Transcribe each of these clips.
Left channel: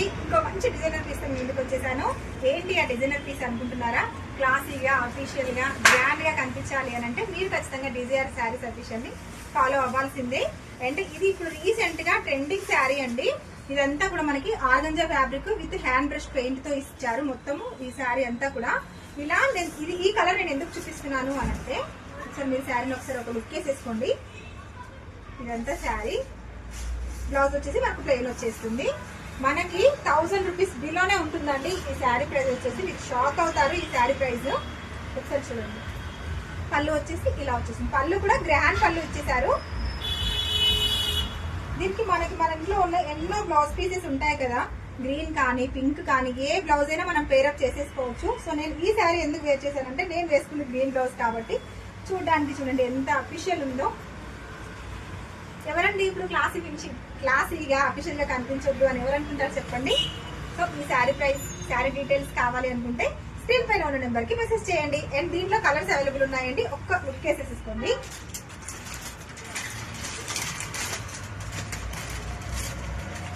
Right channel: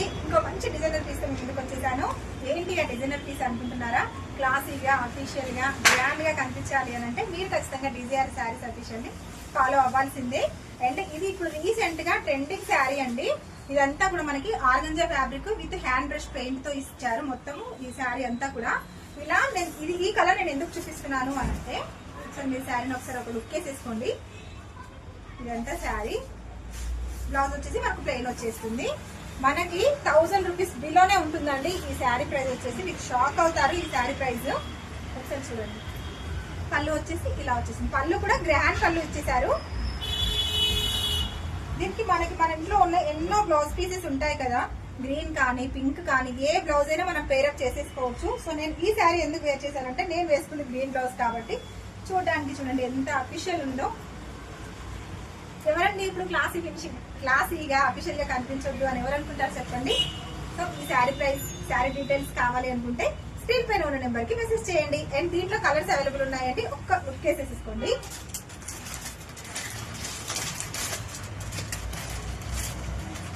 అండి, ఇంకో మంచి డిజైనర్ పీస్ మీ ముందుకు వచ్చేసాను. ఏంటి ఆ డిజైనర్ పీస్ అనుకుంటున్నారా? క్లాసీగా అఫీషియల్ గా గ్రాండ్ గా కనిపించాలి అని అంటే మీరు ఖచ్చితంగా డిజైర్ శారీస్ అఫీషియల్ ని ఫాలో అవ్వాల్సిందే. అంటే ఇది ఇప్పుడు రీసెంట్ గా ట్రెండింగ్ శారీ అండి. ఇదంతా కూడా మనకి organza fabric with hand brush paint తో ఇచ్చారు. మొత్తము ఈ శారీ అంతా కూడా ఇలా. ఇది ఈ కలర్ నేను ఎందుకు చూపిస్తున్నాను అని అంటే, సో మీరు శారీని ఒకసారి ఒక లుక్ వేసేసుకోండి. ఇదంతా శారీ. బ్లౌజ్ వచ్చేసి మనకు ప్లెయిన్ వచ్చేస్తుంది. మనకి 1000 రూపీస్ బిలోనే ఉంటుందండి ఈ శారీ ప్రైస్ వచ్చేసి. మీరు షాక్ అవుతారు ఈ శారీ ప్రైస్. ఒకసారి చూడండి. పళ్ళు వచ్చేసి ఇలా వచ్చేసింది. పళ్ళు కూడా గ్రాండ్ పళ్ళు ఇచ్చేసారు. దీనికి మనకి మన ఇంట్లో ఉన్న ఎన్నో బ్లౌజ్ పీసెస్ ఉంటాయి కదా, గ్రీన్ కానీ పింక్ కానీ ఏ బ్లౌజ్ అయినా మనం పేరప్ చేసేసుకోవచ్చు. సో నేను ఈ శారీ ఎందుకు వేర్ చేశానంటే, నేను వేసుకున్న గ్రీన్ బ్లౌజ్ కాబట్టి చూడడానికి చూడండి ఎంత అఫీషియల్ ఉందో. ఎవరండి ఇప్పుడు క్లాసీగా అఫీషియల్ గా కనిపించొద్దు అని ఎవరు అనుకుంటారు చెప్పండి. సో ఈ శారీ ప్రైస్, శారీ డీటెయిల్స్ కావాలి అనుకుంటే స్క్రీన్ పైన ఉన్న నెంబర్ కి మెసేజ్ చేయండి. అండ్ దీంట్లో కలర్స్ అవైలబుల్ ఉన్నాయండి. ఒక్క లుక్ వేసేసుకోండి.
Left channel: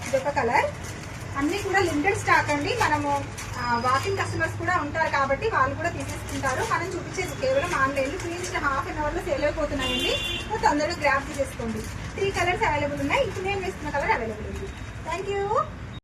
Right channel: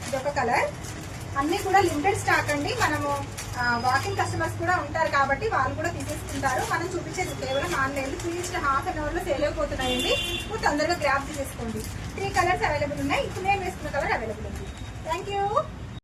ఇదొక కలర్. అన్ని కూడా లిమిటెడ్ స్టాక్ అండి. మనము వాకింగ్ కస్టమర్స్ కూడా ఉంటారు కాబట్టి వాళ్ళు కూడా తీసేసుకుంటారు. మనం చూపించేది కేవలం ఆన్లైన్. చూపించిన హాఫ్ అన్ అవర్ లో సేల్ అయిపోతున్నాయండి. తొందరగా గ్రాప్ తీసేసుకోండి. 3 కలర్స్ అవైలబుల్ ఉన్నాయి. ఇప్పుడు నేను వేసుకున్న కలర్ అవైలబుల్ ఉంది. Thank you.